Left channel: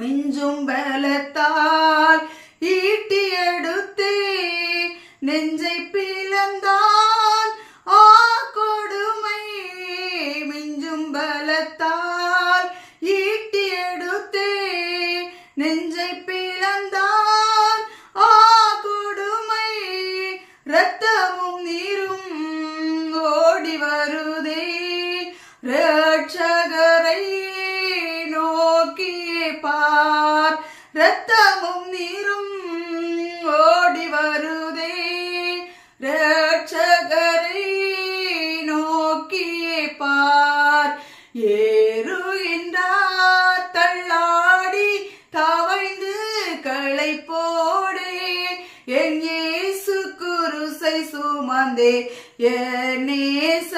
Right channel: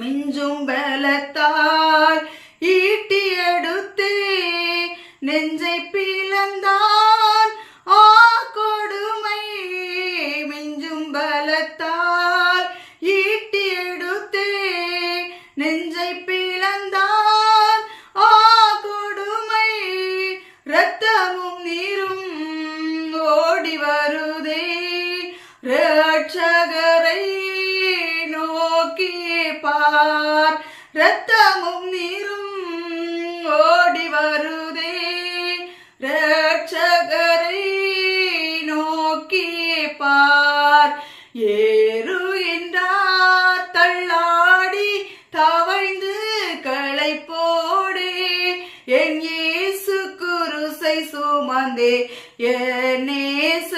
மிஞ்சும் பலத்தால் ஈட்டி எடுத்தே நெஞ்சை பிளந்தான் கொடுமை. மிஞ்சும் பலத்தால் ஈட்டி எடுத்தே நெஞ்சை பிளந்தான் கொடுமை. இரத்தமும் நீரும் ஓடி வருதே ரட்சகரை நோக்கியே பார். இரத்தமும் நீரும் ஓடி வருதே ரட்சகரை நோக்கியே பார். ஏறு என்றார் தள்ளாடி தவழ்ந்து களை போடே என் இயேசு குருசை சுமந்தே என் நேச